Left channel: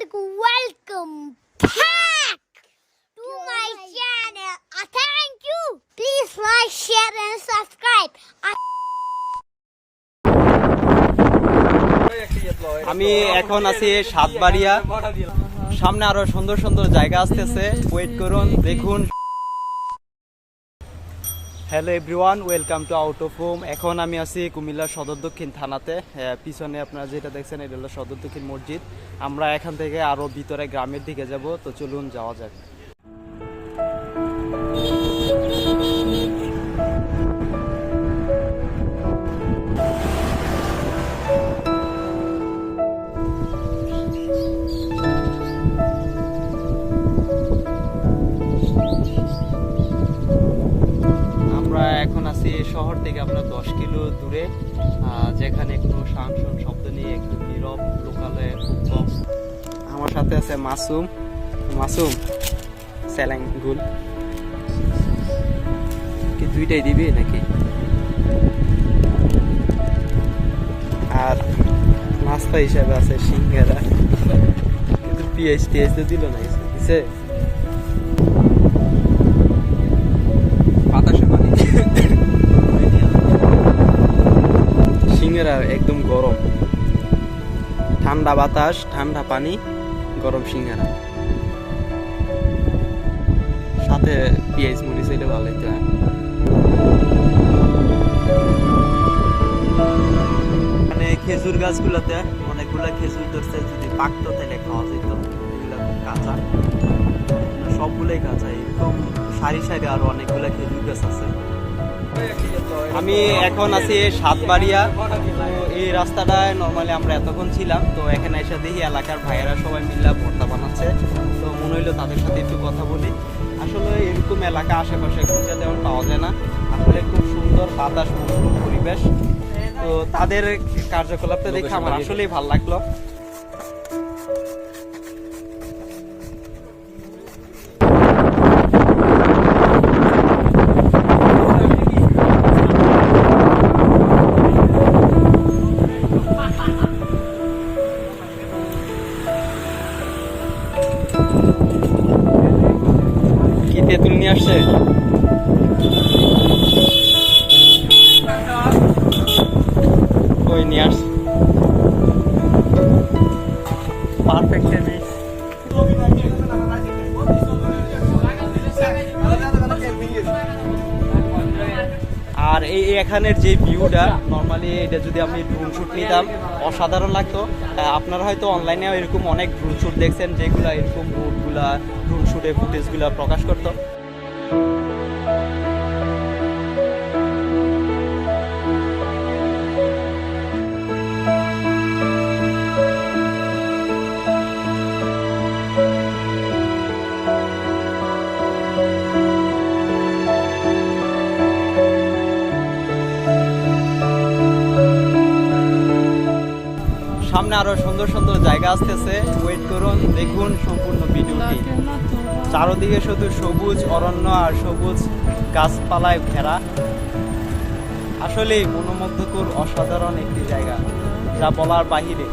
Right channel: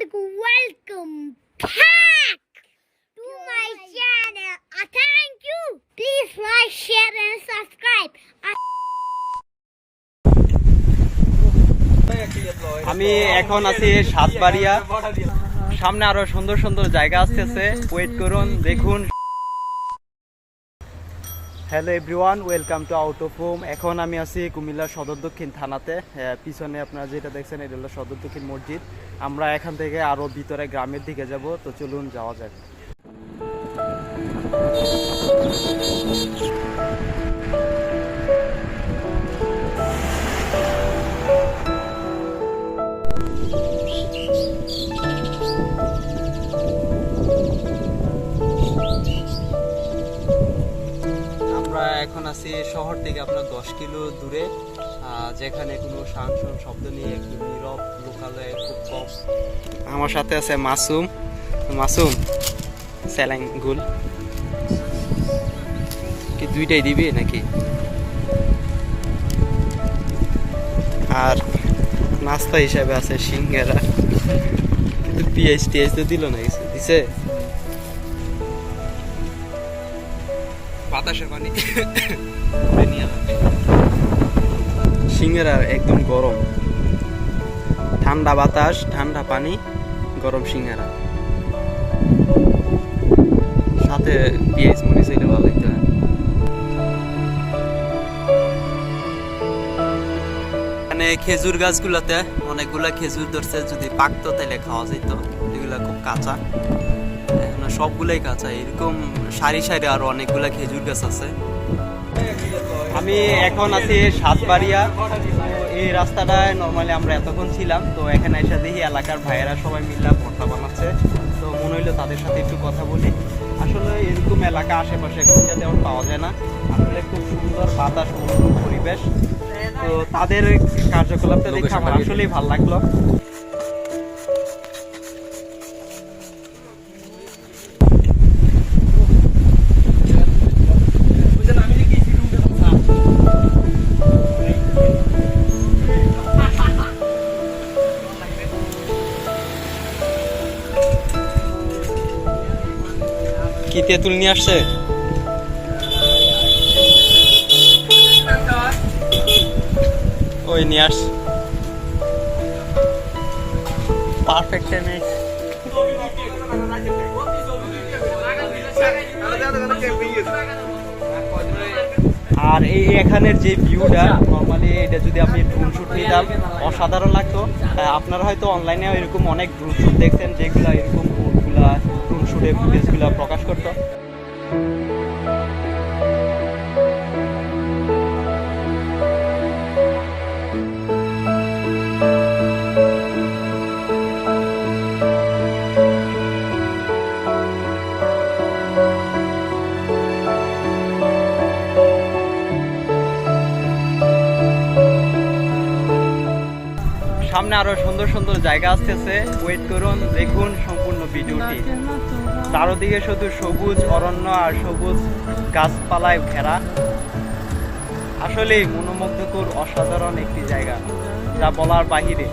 alaikum. Welcome back to my channel. Uh, thank you. Please like, share, and subscribe. Uh, আমি এখন আছি সাতবাড়িয়া সামনে আরও সুন্দর সুন্দর জায়গা আসতেছে ওয়েট করুন দেখুন hello everyone welcome to out of home এখন আমি আছি কুমিল্লা সদর দক্ষিণ থানাতে। পিছনে আপনারা যেটা দেখছেন, এটা হলো সদর দক্ষিণ মসজিদ। আমরা এখান থেকে আরও ভিতরে গ্রামের দিকে যাব, তো চলুন যাওয়া যাক। এখন আছি শহর থেকে আপনার দশ কিলো দূরে যেখানে কোনো সাংসন শব্দ নিয়ে একটু নীরব লোকালে খুব কম। আমার সাথে আছে মাসুম। মাসুম স্যালাং গুল। কি দুইটাই দিবি নাকি? আর নাস্তা হিসাবে আছে সিঙ্গারা। কিন্তু পিএইচ টিএইচ তো দিল না কিছু, দিছে? বাতাসে পানি সিঙ্গারা একদম গরম। ঠান্ডা বাতাস, ঠান্ডা পানি, গরম সিঙ্গারা সাথে পেঁয়াজ মরিচ হইলে ভালো হইতো হ্যাঁ। এখানে খেজুর গাছগুলোতে অনেকগুলা খেজুর ধরছে, যদি পাকতো তাহলে খাওয়া যেত এগুলা খুব কাঁচা। এখনও সবগুলাই কাঁচা। এরকম সারি সারি আরও অনেকগুলা খেজুর গাছ আছে। আমি এখন আছি সাতবাড়িয়া। তো এই রাস্তাটায় নর্মালি আমরা এতক্ষণ ছিলাম তো এখানে এসে দেখি এলাকার ভাইয়েরা সবাই মিলে ভর্তা বানাচ্ছে। তো মনে হইল তাদের সাথে একটু কথা বলি। আসলে এরকম এলাকা আশেপাশে খুঁজে তেমন পাওয়া যায় না। আসলে খুব সুন্দর বাতাস মনোরম পরিবেশ। তো তাদের কার্যকলাপটা দেখে আমার আসলেই ভালো লাগল। কি তেঁতুল নিয়ে আসছে? ওই নিয়ে আস। পারফেক্ট আর এই এখানের যে ভিউটা নর্মালি এটা যদি আমি ড্রোন শ্যুট নিতাম, অসাধারণ লাগতো। আপনারা হয়তো অনলাইনে এরকম অনেক ড্রোন শ্যুট দেখছেন, যেগুলো এরকম বোটগুলা ড্রোন শ্যুটের ফুটেজগুলো প্রকাশ করতো। সামনে আরও সুন্দর সুন্দর জায়গা আসতেছে। ওয়েট করুন দেখুন সম্পূর্ণ ভিডিওটি। চারদিকে শুধু সবুজ অরণ্য আর সবুজ গাছপালায় ঘেরা। আসলে মনোমুগ্ধকর অসাধারণ একটি জায়গা যা বলার বাহিরে।